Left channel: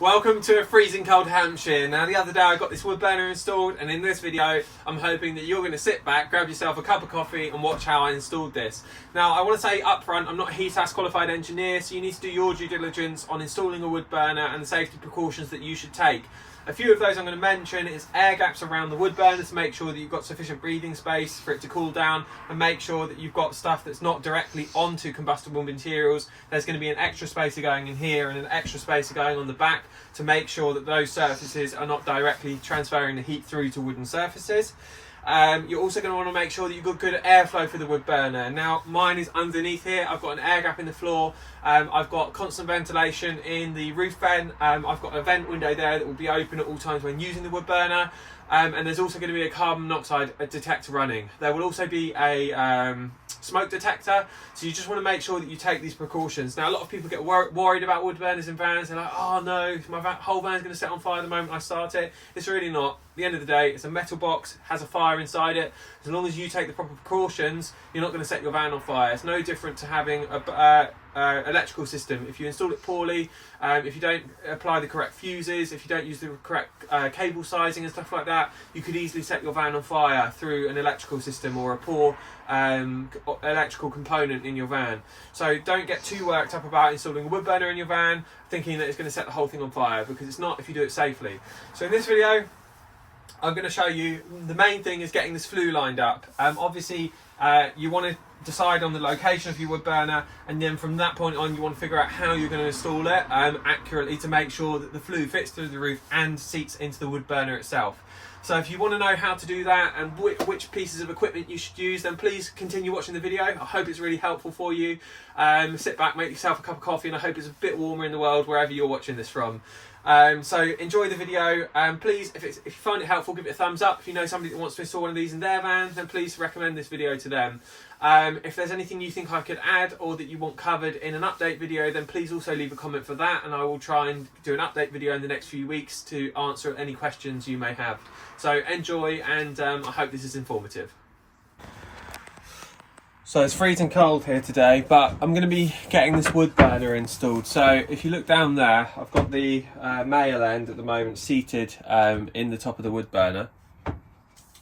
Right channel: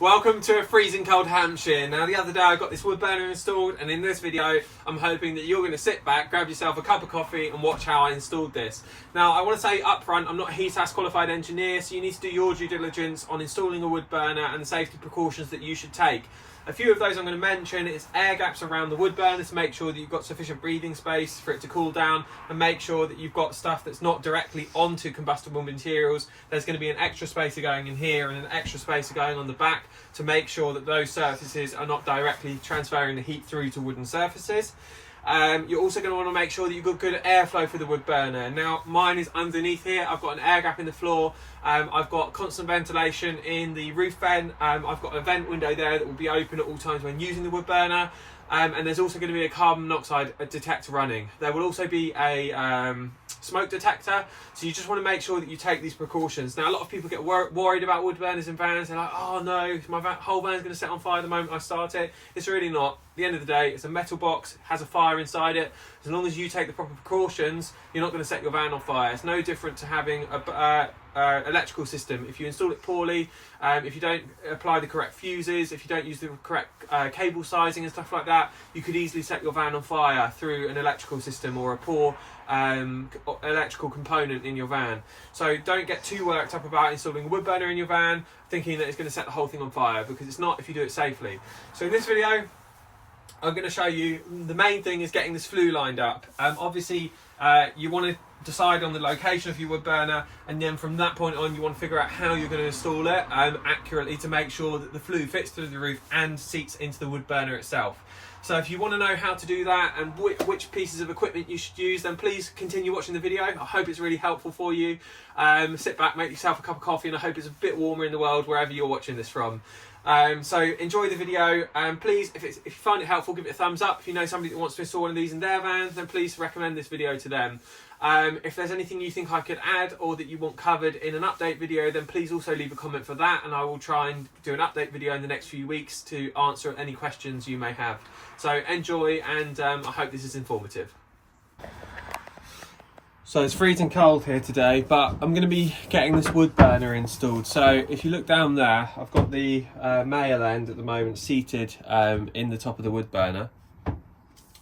Welcome to a freezing cold Hampshire. Now the other day I got this wood burner installed, and in this video I'm hoping that you're going to sit back, grab yourself a cup of coffee and watch how I installed this. Now I want to say up front, I'm not a HESAS qualified engineer, so you need to do your due diligence on installing a wood burner and the safety precautions that you should take. A few of those I'm going to mention is air gaps around the wood burner to make sure that you've got sufficient breathing space for it to cool down, and make sure that you've got stuff that's not directly onto combustible materials. There's going to be an extra spacer going in here and an extra spacer going on the back to make sure that those surfaces are not directly transferring the heat through to wooden surfaces. You're also going to want to make sure that you've got good airflow for the wood burner. Now mine is underneath here, I've got an air gap in the floor, I've got constant ventilation in the roof vent, I've got a vent window there that will be open at all times when using the wood burner, and there's also going to be a carbon monoxide detector running. There will also be a smoke detector, so you just want to make sure that you take these precautions. Now a lot of people get worried about wood burners in vans. They're like, oh no, my whole van's going to set on fire the moment I start it. It's really not. At the end of the day, it's a metal box, has a fire inside it. As long as you take the proper precautions, you're not going to set your van on fire. It's no different to having a electrical system. If you install it poorly, if you don't apply the correct fuses, if you don't use the correct cable sizing and stuff like that, you could easily set your van on fire through an electrical system or a poor electrical component in your van. So don't get too worked up about installing a wood burner in your van thinking that it's going to set the whole thing on fire, because it's not if you do it safely. So in this video I'm going to show you, the main thing is getting this flue lined up. Obviously you want to decide on the location of your wood burner, and then from that point on you want to figure out how you're going to install it accurately to make sure that the flue fits through the roof and seats into the wood burner itself. So if you want to know how to do that and which pieces of equipment you should use, then please continue watching the video. I hope it's really helpful for you. Sit back, make yourself a cup of coffee, and I hope it's a bit warmer in the world wherever you're watching this from. So enjoy the video, and please, if you find it helpful, give it a thumbs up. If you know somebody that wants to install one of these in their van, then please recommend this video to them. If there's anything you think I could add or that you want covered in an update video, then please also leave a comment for that, and I will try and do an update video in the next few weeks to answer any questions you may have. So enjoy, and I hope this is informative. So it's freezing cold here today, but I'm going to be getting this wood burner installed. So if you look down there, I've got the male end at the moment seated in the top of the wood burner.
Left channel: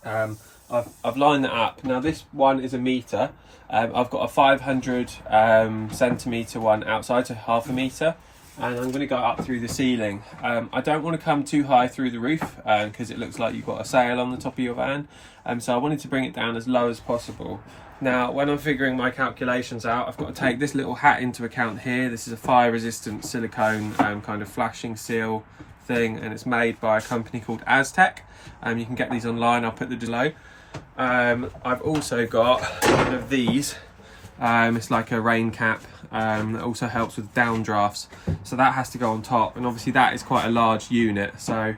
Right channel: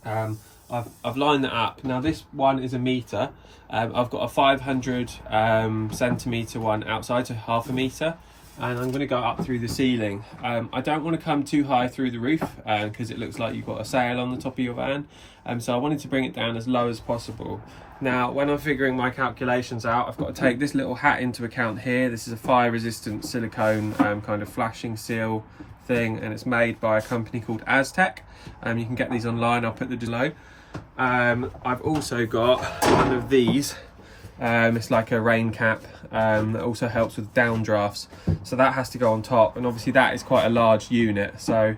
I've lined that up. Now this one is a metre. I've got a 500 centimetre one outside, so half a metre. And I'm going to go up through the ceiling. I don't want to come too high through the roof because it looks like you've got a sail on the top of your van. So I wanted to bring it down as low as possible. Now, when I'm figuring my calculations out, I've got to take this little hat into account here. This is a fire-resistant silicone kind of flashing seal thing, and it's made by a company called Aztec. You can get these online, I'll put the below. I've also got one of these. It's like a rain cap that also helps with downdrafts, so that has to go on top, and obviously that is quite a large unit, so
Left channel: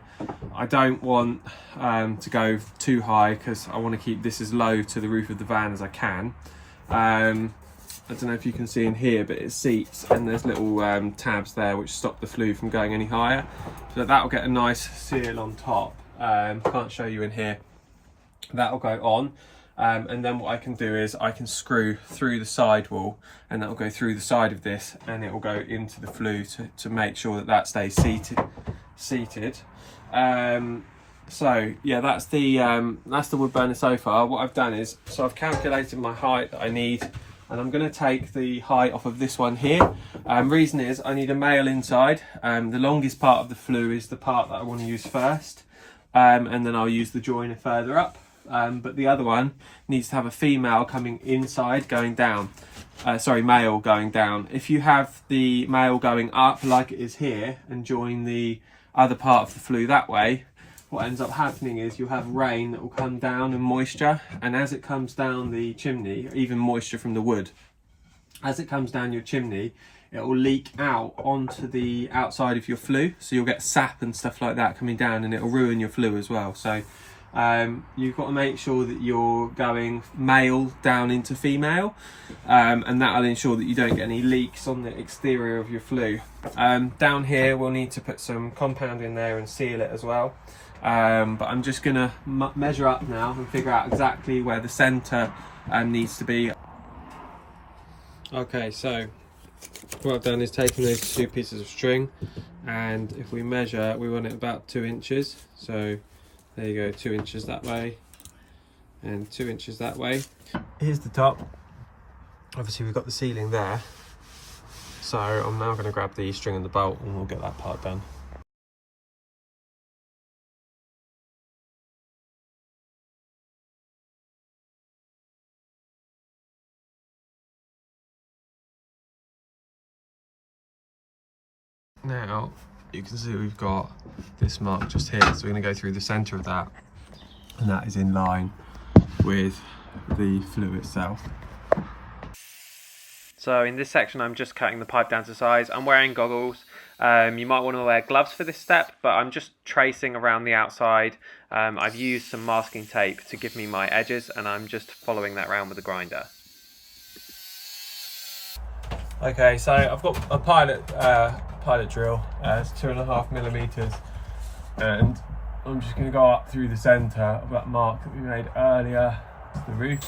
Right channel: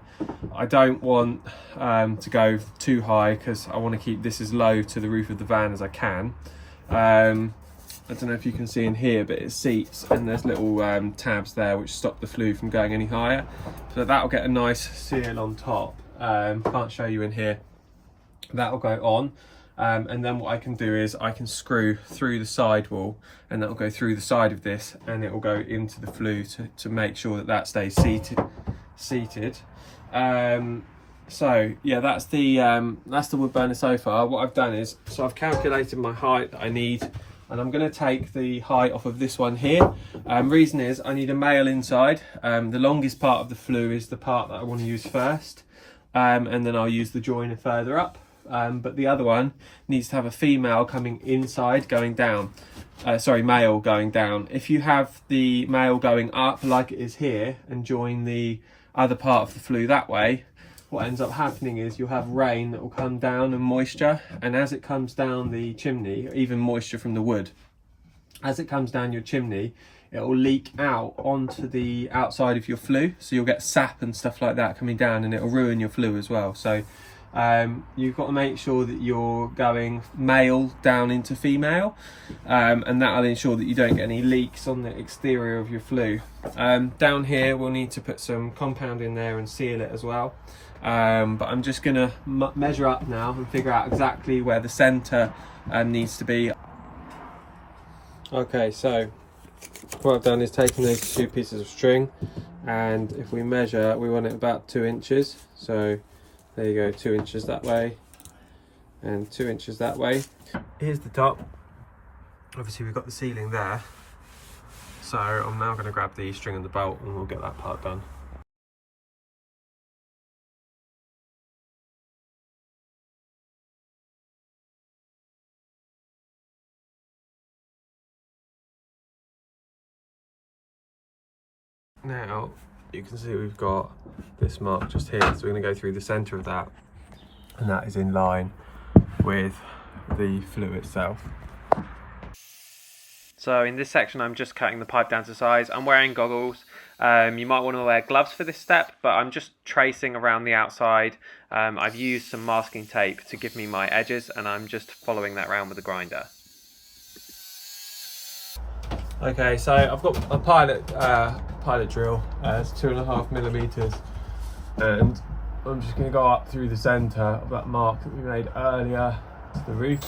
I don't want to go too high because I want to keep this as low to the roof of the van as I can. I don't know if you can see in here, but it seats, and there's little tabs there which stop the flue from going any higher, so that'll get a nice seal on top. Can't show you in here. That'll go on. And then what I can do is I can screw through the sidewall, and that will go through the side of this, and it will go into the flue to make sure that that stays seated. So yeah, that's the wood burner so far. What I've done is, so I've calculated my height that I need, and I'm going to take the height off of this one here. Reason is I need a male inside. The longest part of the flue is the part that I want to use first, and then I'll use the joiner further up. But the other one needs to have a female coming inside going down. Male going down. If you have the male going up like it is here and join the other part of the flue that way, what ends up happening is you'll have rain that will come down and moisture, and as it comes down the chimney, even moisture from the wood, as it comes down your chimney, it will leak out onto the outside of your flue, so you'll get sap and stuff like that coming down, and it will ruin your flue as well. So you've got to make sure that you're going male down into female, and that'll ensure that you don't get any leaks on the exterior of your flue. Down here we'll need to put some compound in there and seal it as well, but I'm just going to measure up now and figure out exactly where the centre needs to be. Okay, so what I've done is taken those 2 pieces of string, and if we measure, we want it about 2 inches. So there you go, 2 inches that way and 2 inches that way. Here's the top. Obviously we've got the ceiling there. So I'm now going to grab the string and the bolt and we'll get that part done. Now you can see we've got this mark just here, so we're going to go through the centre of that, and that is in line with the flue itself. So in this section I'm just cutting the pipe down to size. I'm wearing goggles. You might want to wear gloves for this step, but I'm just tracing around the outside. I've used some masking tape to give me my edges, and I'm just following that around with the grinder. Okay, so I've got a pilot drill, it's 2.5 millimeters, and I'm just going to go up through the centre of that mark that we made earlier to the roof.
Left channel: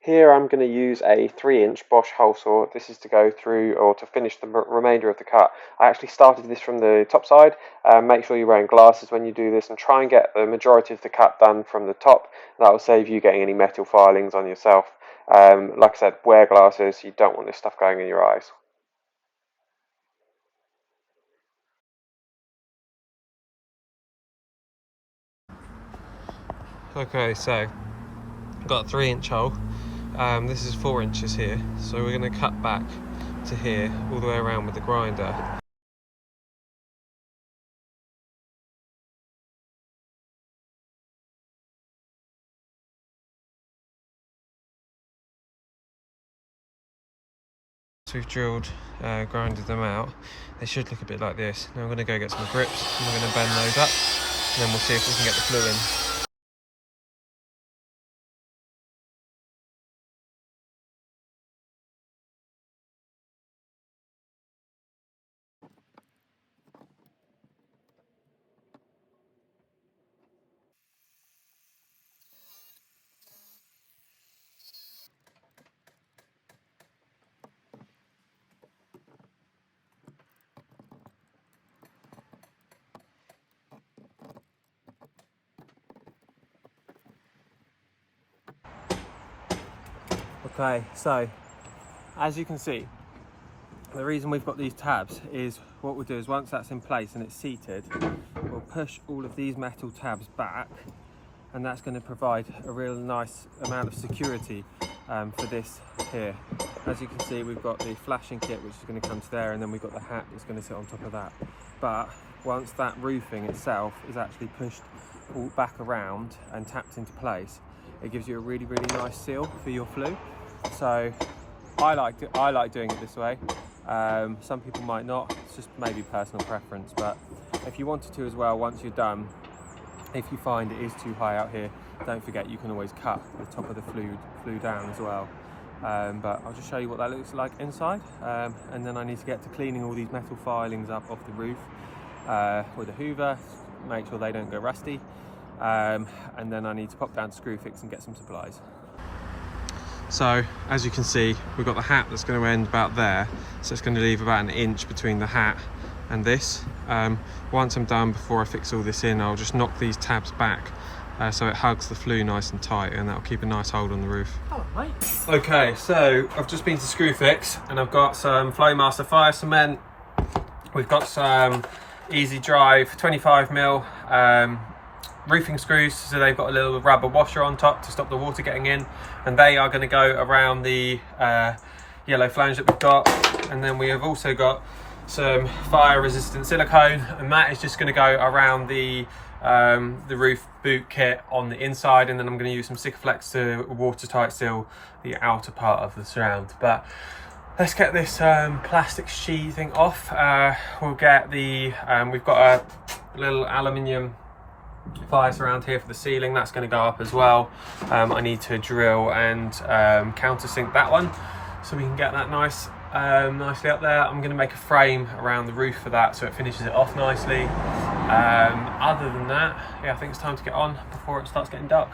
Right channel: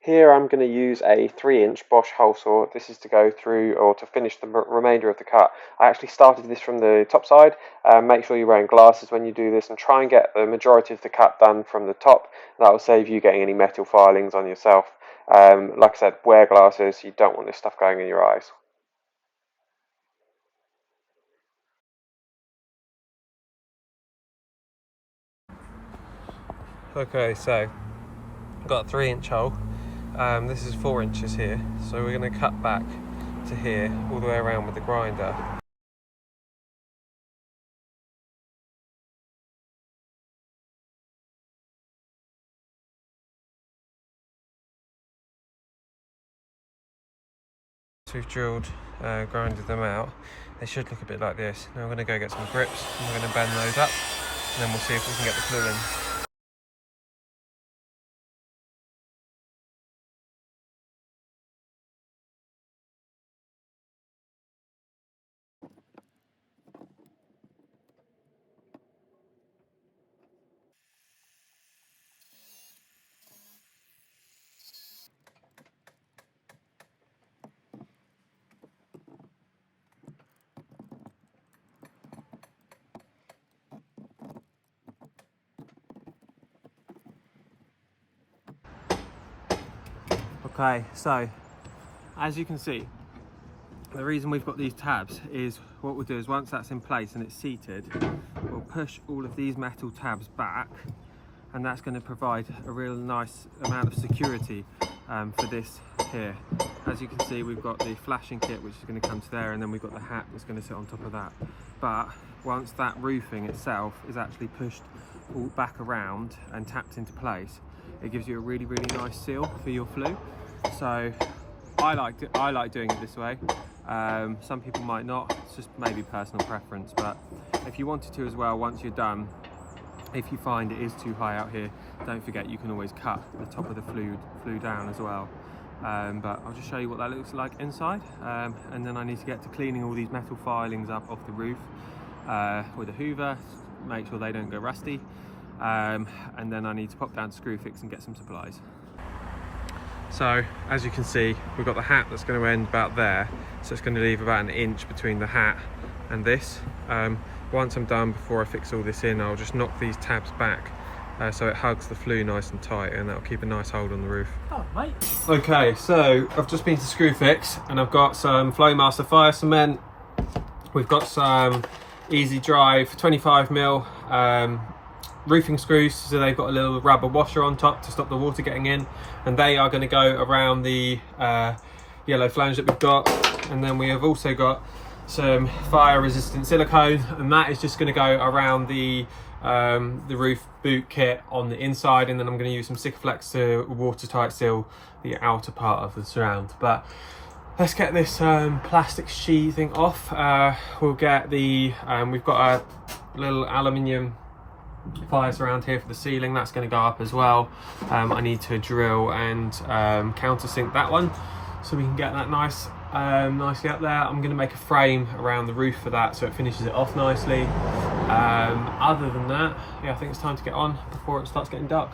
Here I'm going to use a 3-inch Bosch hole saw. This is to go through, or to finish the remainder of the cut. I actually started this from the top side. Make sure you're wearing glasses when you do this, and try and get the majority of the cut done from the top. That will save you getting any metal filings on yourself. Like I said, wear glasses. You don't want this stuff going in your eyes. Okay, so I've got a 3-inch hole. This is 4 inches here, so we're going to cut back to here all the way around with the grinder. So we've drilled, grinded them out. They should look a bit like this. Now we're going to go get some grips and we're going to bend those up, and then we'll see if we can get the flue in. Okay, so as you can see, the reason we've got these tabs is what we'll do is once that's in place and it's seated, we'll push all of these metal tabs back, and that's going to provide a real nice amount of security for this here. As you can see, we've got the flashing kit which is going to come to there, and then we've got the hat that's going to sit on top of that. But once that roofing itself is actually pushed all back around and tapped into place, it gives you a really nice seal for your flue. So I like doing it this way. Some people might not, it's just maybe personal preference, but if you wanted to as well, once you're done, if you find it is too high out here, don't forget you can always cut the top of the flue down as well. But I'll just show you what that looks like inside, and then I need to get to cleaning all these metal filings up off the roof with a hoover, make sure they don't go rusty, and then I need to pop down to Screwfix and get some supplies. So as you can see, we've got the hat that's going to end about there, so it's going to leave about 1 inch between the hat and this. Once I'm done, before I fix all this in, I'll just knock these tabs back so it hugs the flue nice and tight, and that'll keep a nice hold on the roof. Oh, mate. Okay, so I've just been to Screwfix and I've got some Flowmaster fire cement. We've got some Easy Drive 25mm roofing screws, so they've got a little rubber washer on top to stop the water getting in, and they are going to go around the yellow flange that we've got. And then we have also got some fire resistant silicone, and that is just going to go around the roof boot kit on the inside, and then I'm going to use some Sikaflex to watertight seal the outer part of the surround. But let's get this plastic sheathing off. We'll get the we've got a little aluminium fire surround here for the ceiling, that's going to go up as well. I need to drill and countersink that one so we can get that nicely up there. I'm going to make a frame around the roof for that so it finishes it off nicely. Other than that, yeah, I think it's time to get on before it starts getting dark.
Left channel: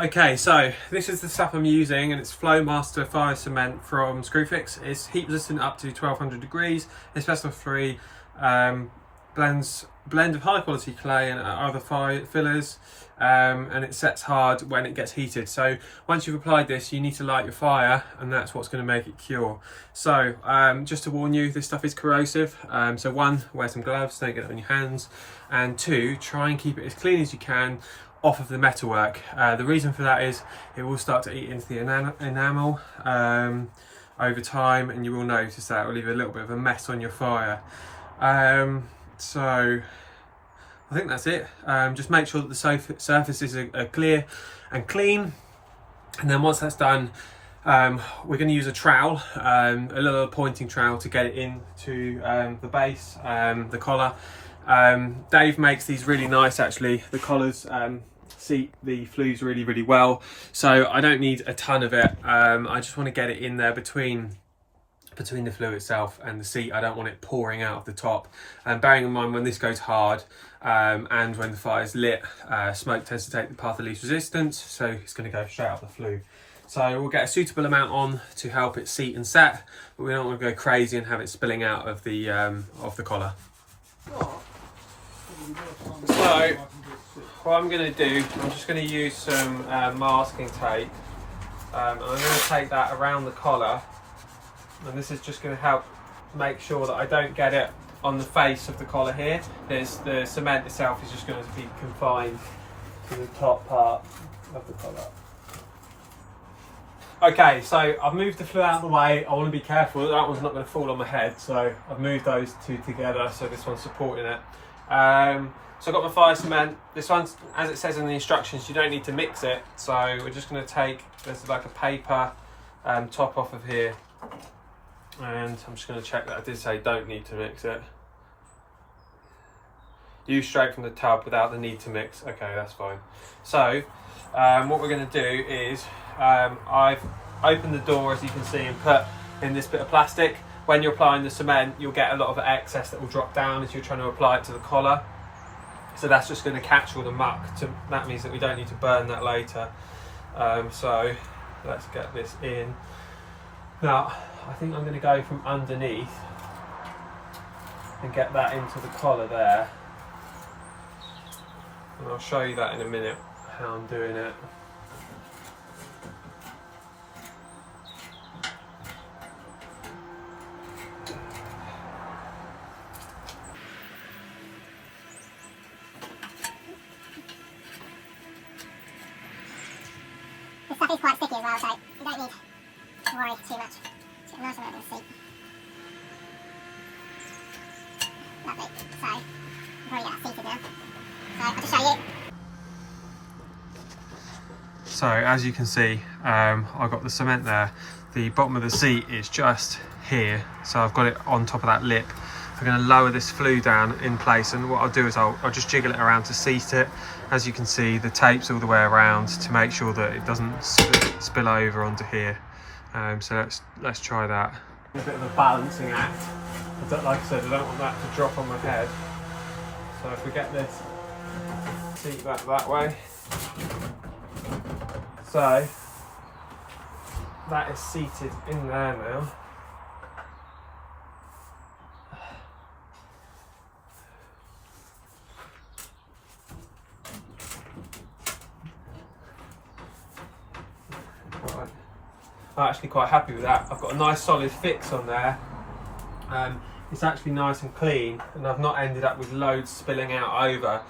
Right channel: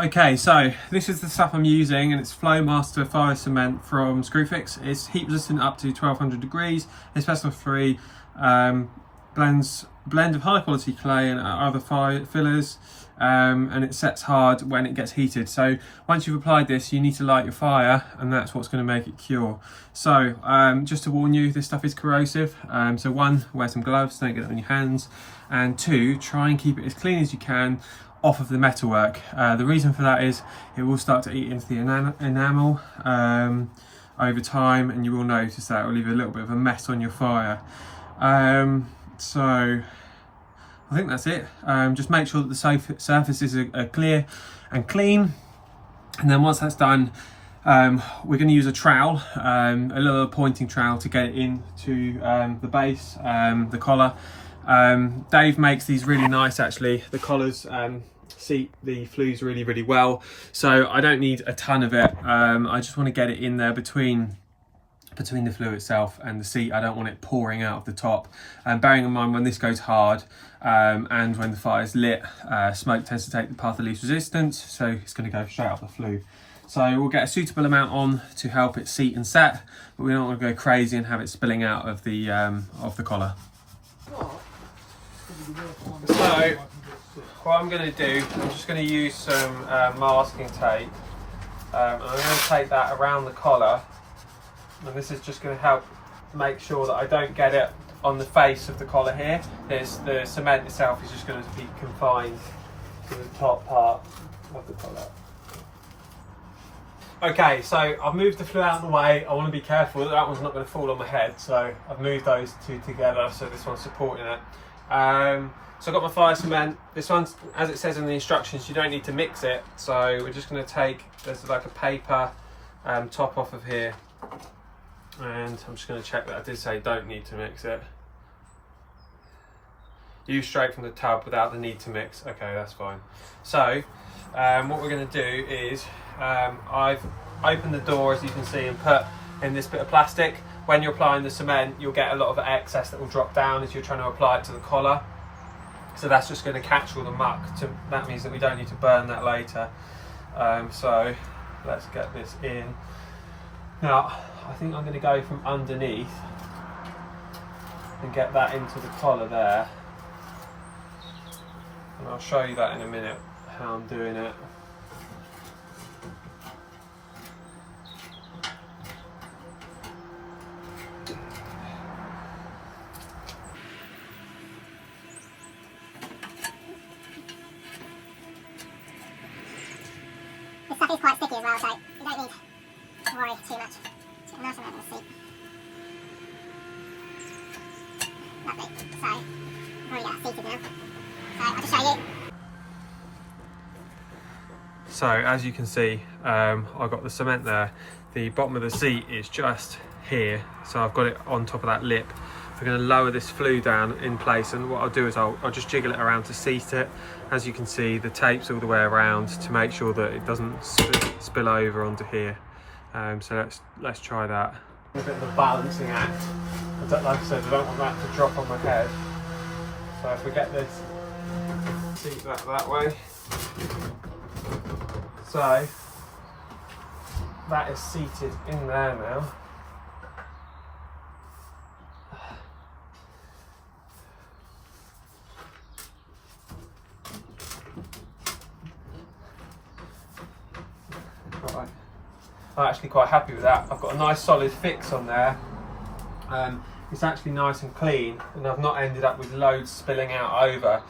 Okay, so this is the stuff I'm using, and it's Flue Master Fire Cement from Screwfix. It's heat resistant up to 1200 degrees, asbestos free, blend of high quality clay and other fire fillers, and it sets hard when it gets heated. So once you've applied this, you need to light your fire, and that's what's going to make it cure. So just to warn you, this stuff is corrosive. So one, wear some gloves, don't get it on your hands, and two, try and keep it as clean as you can off of the metalwork. The reason for that is it will start to eat into the enamel over time, and you will notice that it will leave a little bit of a mess on your fire. So I think that's it. Just make sure that the surfaces are clear and clean, and then once that's done, we're going to use a trowel, a little pointing trowel, to get it into the base, the collar. Dave makes these really nice, actually. The collars seat the flues really well, so I don't need a ton of it. I just want to get it in there between the flue itself and the seat. I don't want it pouring out of the top. And bearing in mind, when this goes hard and when the fire's lit, smoke tends to take the path of least resistance, so it's going to go straight up the flue. So we'll get a suitable amount on to help it seat and set, but we don't want to go crazy and have it spilling out of the collar. So what I'm going to do, I'm just going to use some masking tape, and I'm going to take that around the collar, and this is just going to help make sure that I don't get it on the face of the collar here. The cement itself is just going to be confined to the top part of the collar. Okay, so I've moved the flue out of the way. I want to be careful that one's not going to fall on my head, so I've moved those two together so this one's supporting it. So I've got my fire cement. This one's, as it says in the instructions, you don't need to mix it. So we're just going to take, there's like a paper top off of here. And I'm just going to check that I did say don't need to mix it. Use straight from the tub without the need to mix. Okay, that's fine. So what we're going to do is, I've opened the door, as you can see, and put in this bit of plastic. When you're applying the cement, you'll get a lot of excess that will drop down as you're trying to apply it to the collar. So that's just going to catch all the muck. That means that we don't need to burn that later. So let's get this in. Now, I think I'm going to go from underneath and get that into the collar there. And I'll show you that in a minute, how I'm doing it. This stuff is quite sticky as well, so you don't need to worry too much. Just get nice and over the seat. Lovely. So, I've already got that seated now. So, I'll just show you. So as you can see, I've got the cement there. The bottom of the seat is just here, so I've got it on top of that lip. I'm going to lower this flue down in place, and what I'll do is I'll just jiggle it around to seat it. As you can see, the tape's all the way around to make sure that it doesn't spill over onto here. So let's try that. A bit of a balancing act. Like I said, I don't want that to drop on my head. So if we get this, seat that way. So that is seated in there now. Right. I'm actually quite happy with that. I've got a nice solid fix on there. It's actually nice and clean, and I've not ended up with loads spilling out over.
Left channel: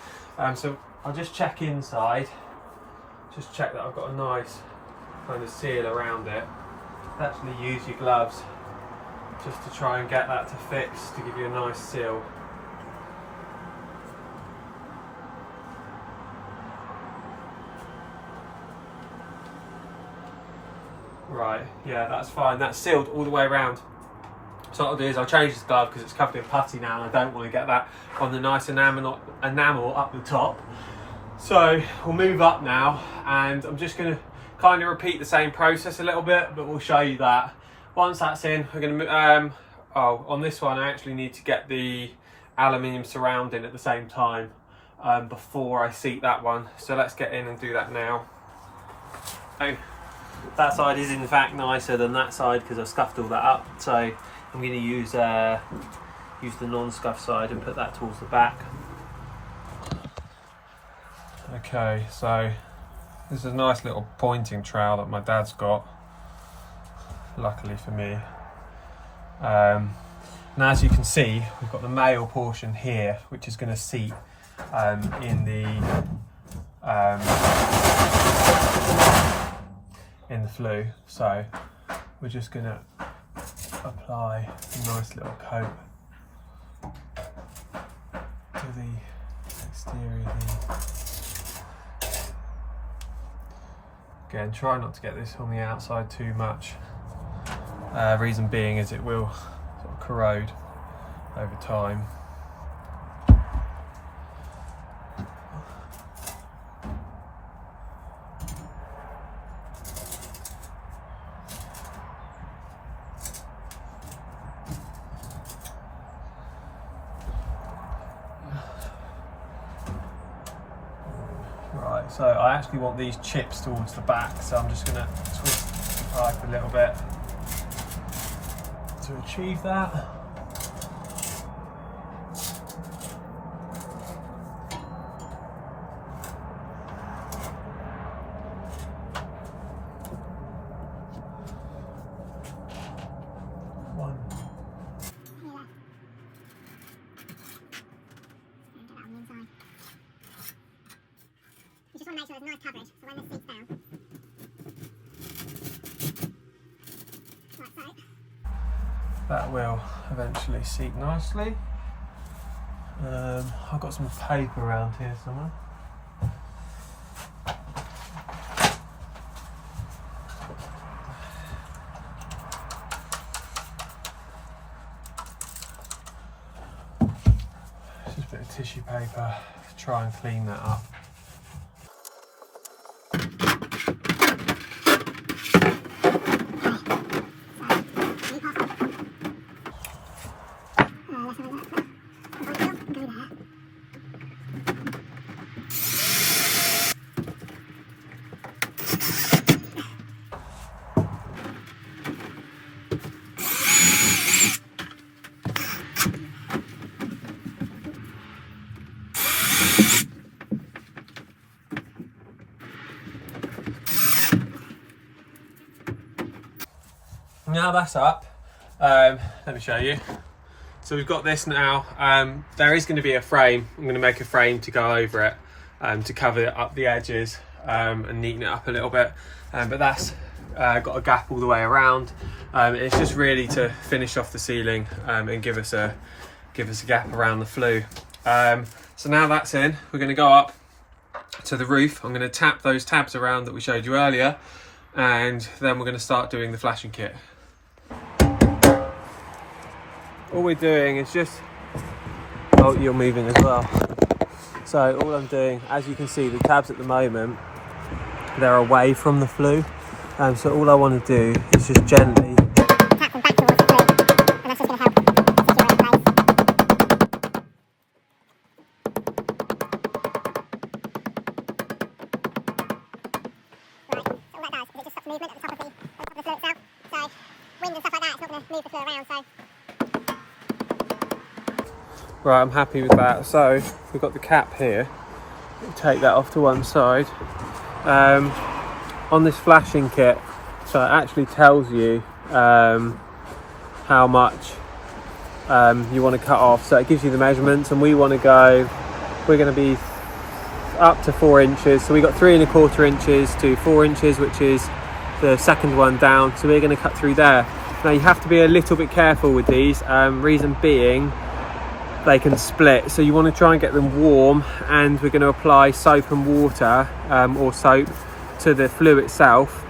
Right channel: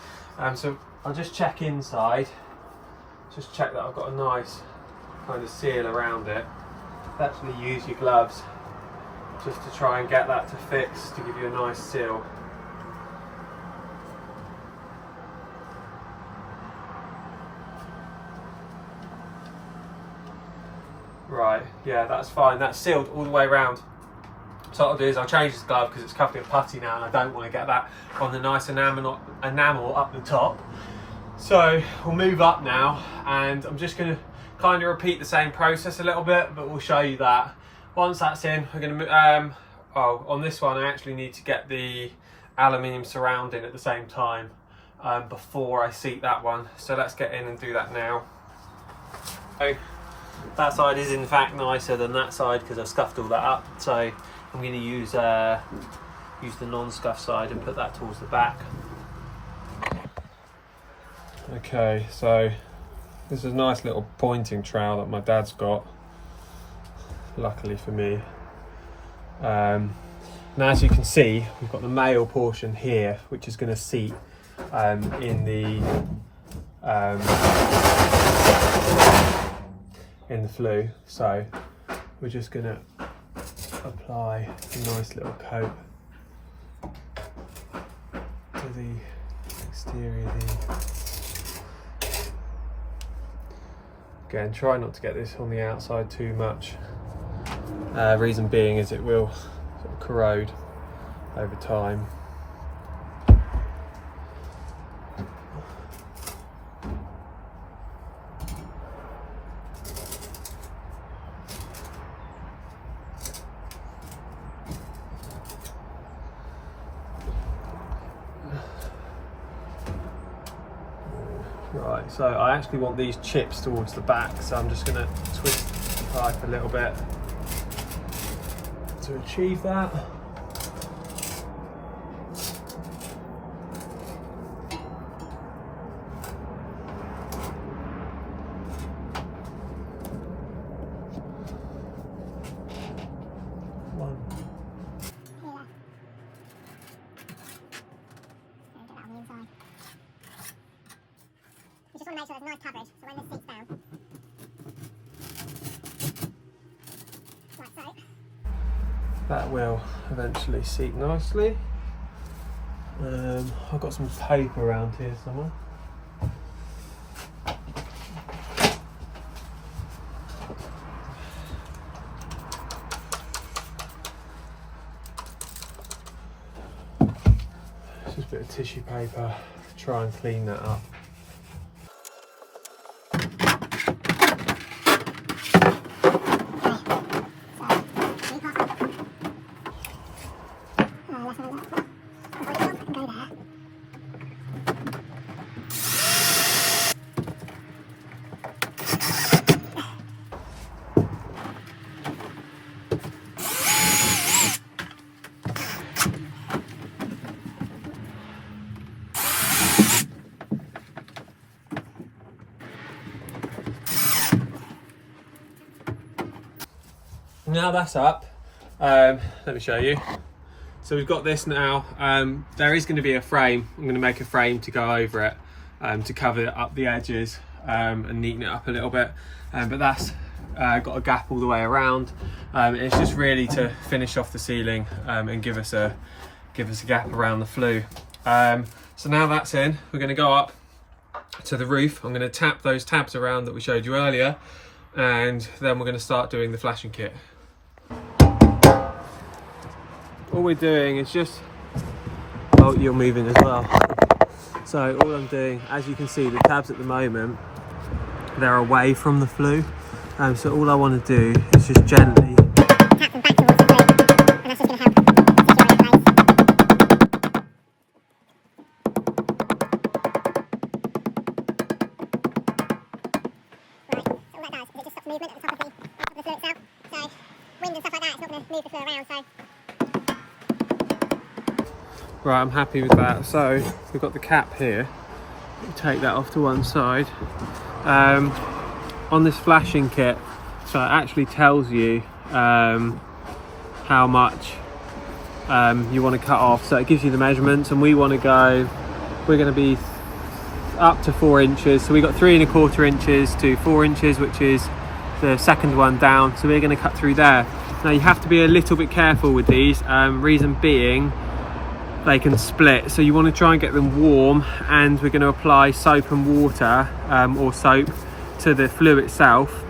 So I'll just check inside. Just check that I've got a nice kind of seal around it. Actually use your gloves just to try and get that to fix, to give you a nice seal. Right, yeah, that's fine. That's sealed all the way around. So what I'll do is I'll change this glove because it's covered in putty now and I don't want to get that on the nice enamel up the top. So we'll move up now and I'm just going to kind of repeat the same process a little bit, but we'll show you that. Once that's in, we're going to on this one I actually need to get the aluminium surrounding at the same time before I seat that one. So let's get in and do that now. So that side is in fact nicer than that side because I've scuffed all that up. So I'm going to use the non-scuff side and put that towards the back. Okay, so this is a nice little pointing trowel that my dad's got, luckily for me. Now as you can see, we've got the male portion here, which is going to seat in the flue. So we're just going to apply a nice little coat to the exterior here. Again, try not to get this on the outside too much. Reason being is it will sort of corrode over time. Right, so I actually want these chips towards the back, so I'm just going to twist the pipe a little bit to achieve that. One. You just want to make sure there's nice coverage, so when this seats down. Right, so. That will eventually seat nicely. I've got some paper around here somewhere. Just a bit of tissue paper to try and clean that up. Now that's up, let me show you. So we've got this now. There is going to be a frame. I'm going to make a frame to go over it to cover up the edges and neaten it up a little bit. But that's got a gap all the way around. It's just really to finish off the ceiling and give us a gap around the flue. So now that's in, we're going to go up to the roof. I'm going to tap those tabs around that we showed you earlier, and then we're going to start doing the flashing kit. All we're doing is just, oh, you're moving as well. So all I'm doing, as you can see, the tabs at the moment, they're away from the flue. So all I want to do is just gently Tap them back towards the flue, and that's just going to help secure it in place. Right, so all that does is it just stops movement at the top of the flue itself. So wind and stuff like that, it's not going to move the flue around. So. Right, I'm happy with that. So we've got the cap here. We'll take that off to one side. On this flashing kit, so it actually tells you how much you want to cut off. So it gives you the measurements, and we're going to be up to 4 inches. So we got 3 1/4 inches to 4 inches, which is the second one down. So we're going to cut through there. Now you have to be a little bit careful with these. Reason being, they can split, so you want to try and get them warm, and we're going to apply soap and water or soap to the flue itself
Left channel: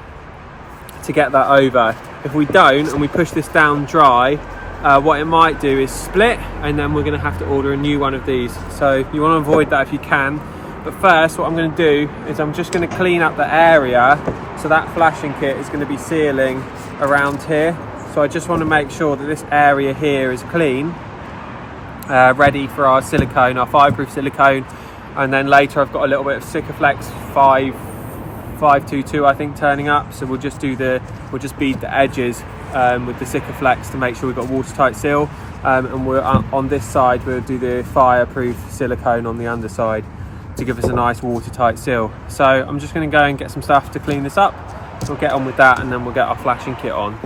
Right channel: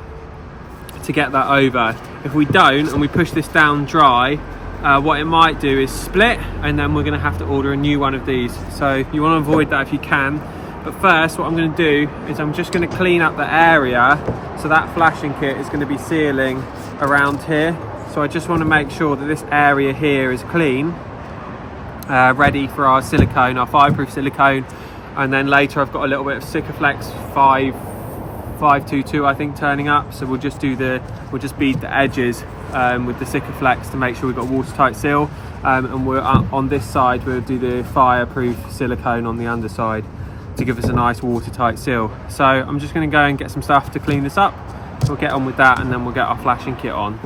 to get that over. If we don't and we push this down dry, what it might do is split, and then we're going to have to order a new one of these. So you want to avoid that if you can. But first, what I'm going to do is I'm just going to clean up the area. So that flashing kit is going to be sealing around here. So I just want to make sure that this area here is clean, ready for our silicone, our fireproof silicone. And then later I've got a little bit of Sikaflex 522 I think turning up. So we'll just bead the edges with the Sikaflex to make sure we've got a watertight seal. And we're on this side, we'll do the fireproof silicone on the underside to give us a nice watertight seal. So I'm just going to go and get some stuff to clean this up. We'll get on with that, and then we'll get our flashing kit on.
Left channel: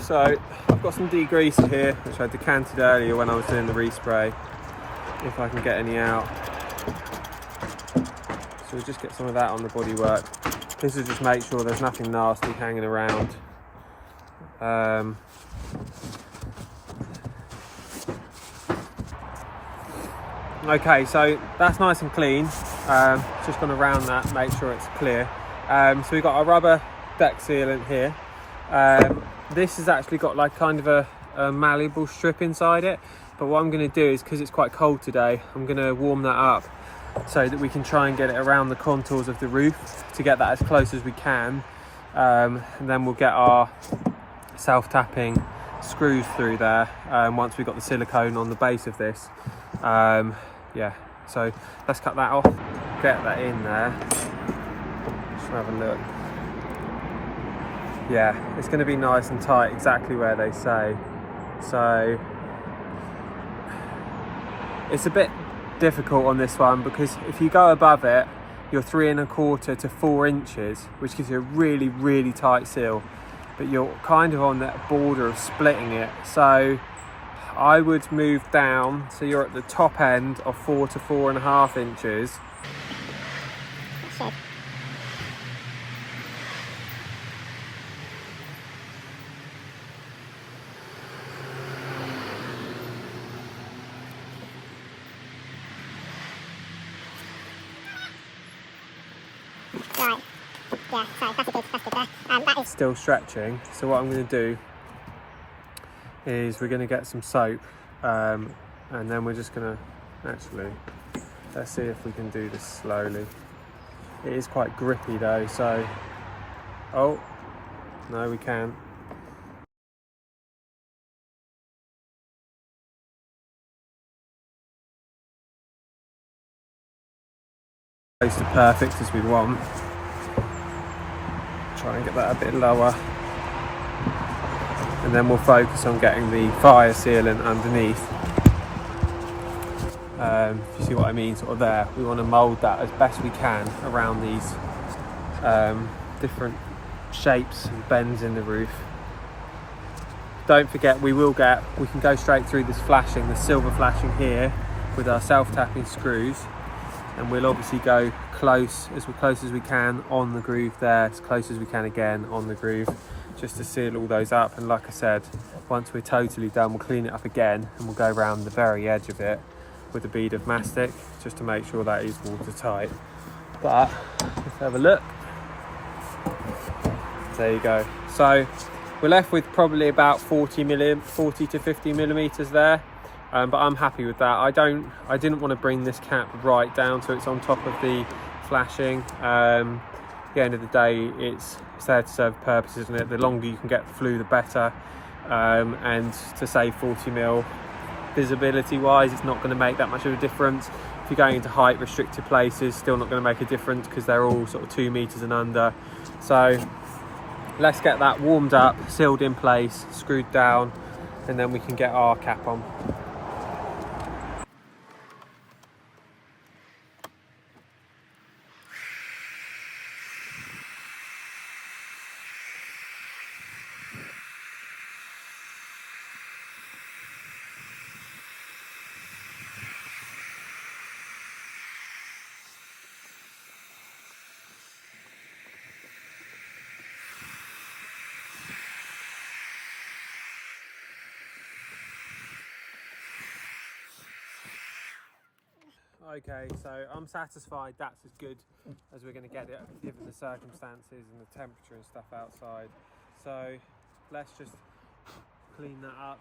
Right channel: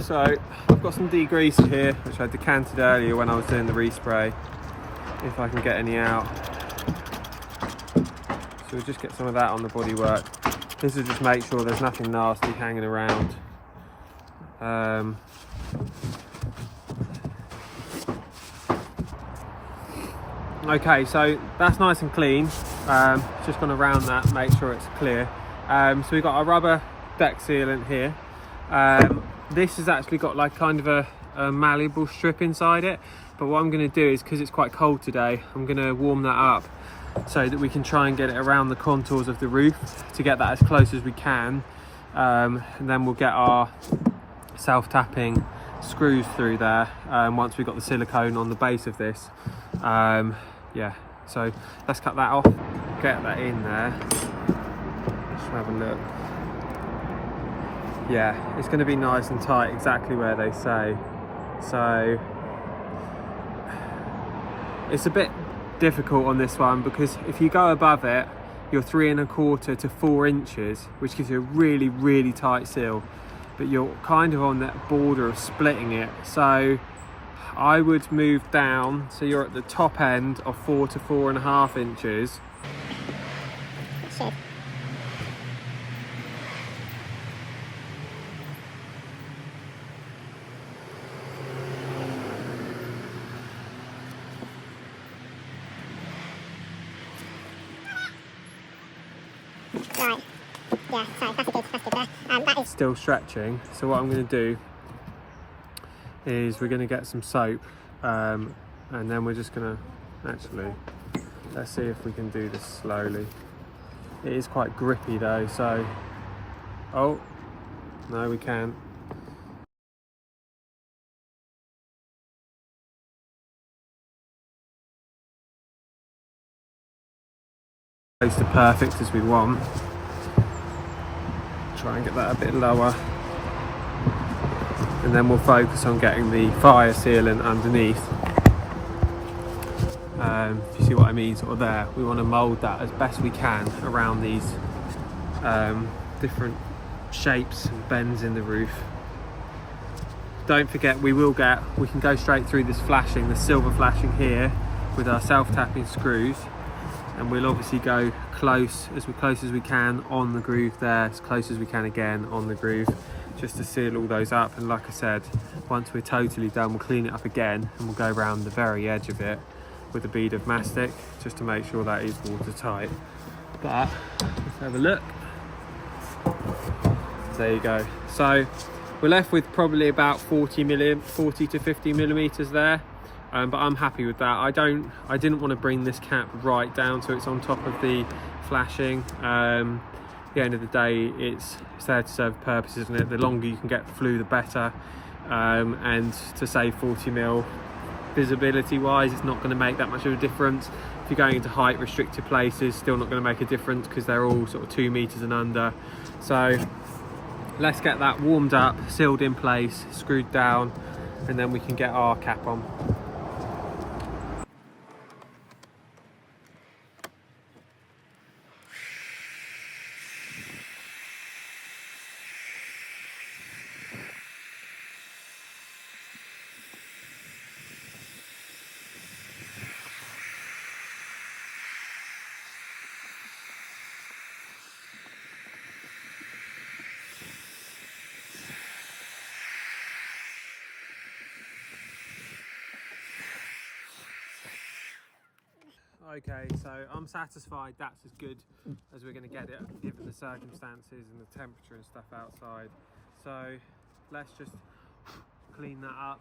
So I've got some degreaser here, which I decanted earlier when I was doing the respray, if I can get any out. So we'll just get some of that on the bodywork. This will just make sure there's nothing nasty hanging around. Okay, so that's nice and clean. Just going to round that, make sure it's clear. So we've got our rubber deck sealant here. This has actually got like kind of a malleable strip inside it. But what I'm going to do is, because it's quite cold today, I'm going to warm that up so that we can try and get it around the contours of the roof to get that as close as we can. And then we'll get our self-tapping screws through there once we've got the silicone on the base of this. Yeah, so let's cut that off, get that in there. Just have a look. Yeah, it's going to be nice and tight, exactly where they say. So it's a bit difficult on this one, because if you go above it, you're 3¼ to 4 inches, which gives you a really, really tight seal. But you're kind of on that border of splitting it. So I would move down, so you're at the top end of 4 to 4½ inches. Shit. Right. Yeah, so that's good there. That is Still stretching. So what I'm going to do is we're going to get some soap, and then we're just going to let's see if we can do this slowly. It is quite grippy though, so oh no, we can't. Close to perfect as we want. Try and get that a bit lower, and then we'll focus on getting the fire sealant underneath. You see what I mean, sort of there. We want to mould that as best we can around these different shapes and bends in the roof. Don't forget, we can go straight through this flashing, the silver flashing here, with our self-tapping screws, and we'll obviously go close as we can on the groove there, as close as we can again on the groove, just to seal all those up. And like I said, once we're totally done, we'll clean it up again, and we'll go around the very edge of it with a bead of mastic, just to make sure that is watertight. But let's have a look. There you go. So we're left with probably about 40 to 50 millimeters there, but I'm happy with that. I didn't want to bring this cap right down so it's on top of the flashing. At the end of the day, it's there to serve a purpose, isn't it? The longer you can get the flue, the better. And to save 40 mil visibility wise, it's not going to make that much of a difference. If you're going into height restricted places, still not going to make a difference, because they're all sort of 2 meters and under. So let's get that warmed up, sealed in place, screwed down, and then we can get our cap on. Okay, so I'm satisfied that's as good as we're going to get it given the circumstances and the temperature and stuff outside. So let's just clean that up.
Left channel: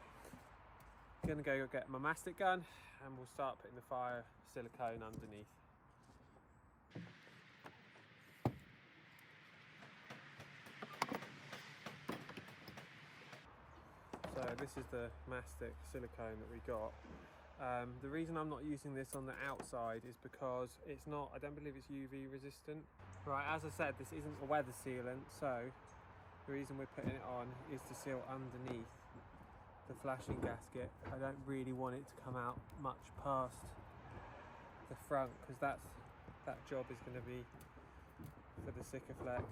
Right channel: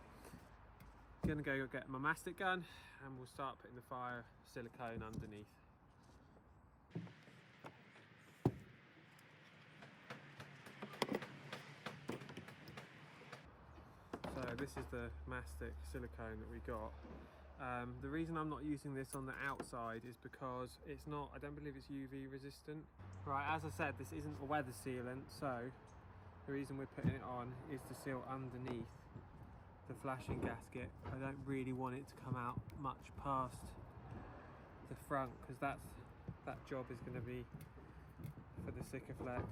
Gonna go get my mastic gun and we'll start putting the fire silicone underneath. So this is the mastic silicone that we got. The reason I'm not using this on the outside is because it's not, I don't believe it's UV resistant. Right, as I said, this isn't a weather sealant, so the reason we're putting it on is to seal underneath the flashing gasket. I don't really want it to come out much past the front because that job is going to be for the Sikaflex.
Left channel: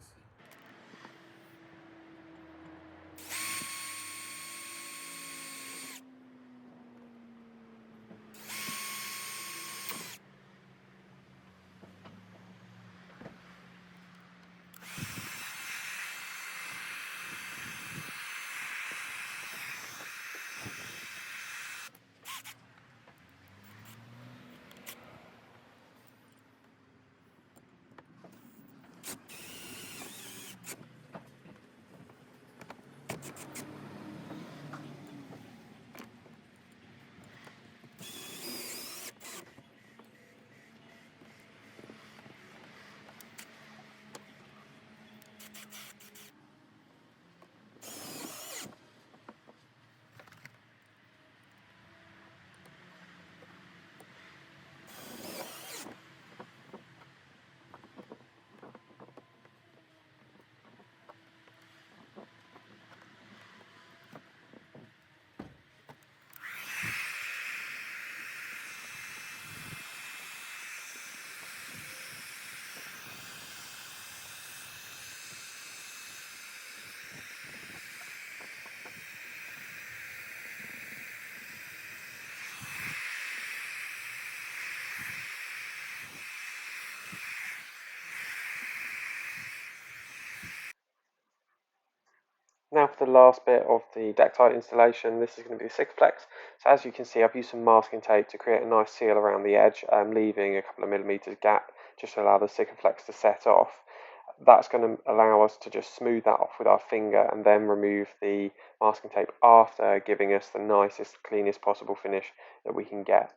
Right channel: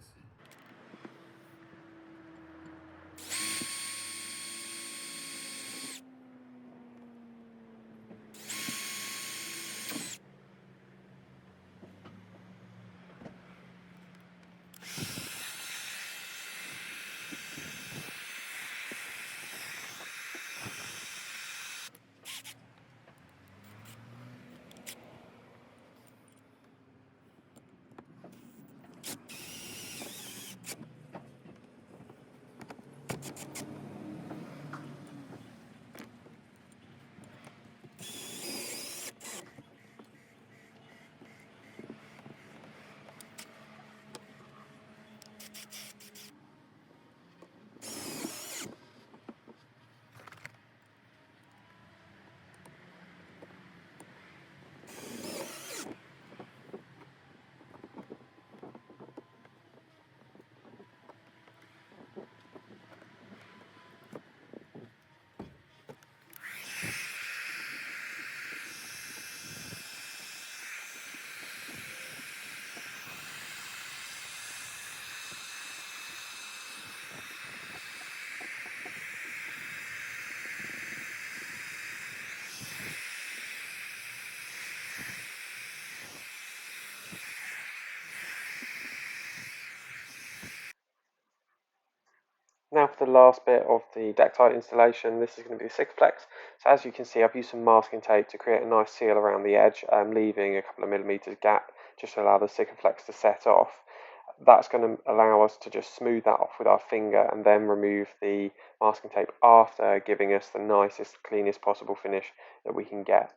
Now for the last bit of the Dectite installation, this is going to be the Sikaflex. So as you can see, I've used some masking tape to create a nice seal around the edge, leaving a couple of millimetres gap just to allow the Sikaflex to set off. That's going to allow us to just smooth that off with our finger and then remove the masking tape after, giving us the nicest, cleanest possible finish that we can get.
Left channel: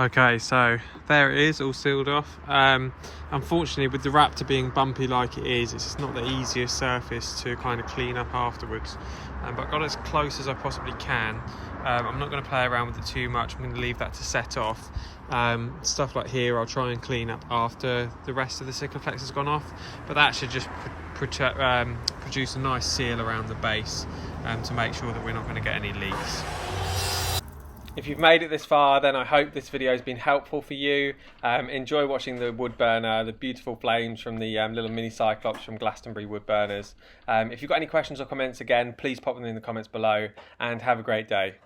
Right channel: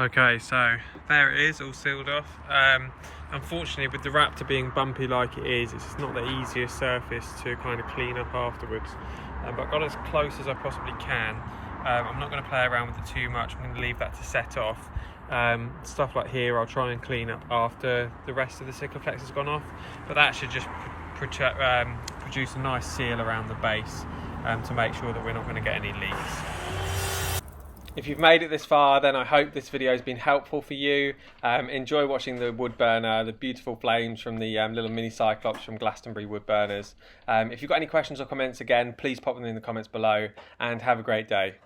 Okay, so there it is, all sealed off. Unfortunately, with the Raptor being bumpy like it is, it's not the easiest surface to kind of clean up afterwards. But I got as close as I possibly can. I'm not going to play around with it too much. I'm going to leave that to set off. Stuff like here, I'll try and clean up after the rest of the Sikaflex has gone off. But that should just produce a nice seal around the base to make sure that we're not going to get any leaks. If you've made it this far, then I hope this video has been helpful for you. Enjoy watching the wood burner, the beautiful flames from the little Mini Cylops from Glastonbury wood burners. If you've got any questions or comments, again, please pop them in the comments below and have a great day.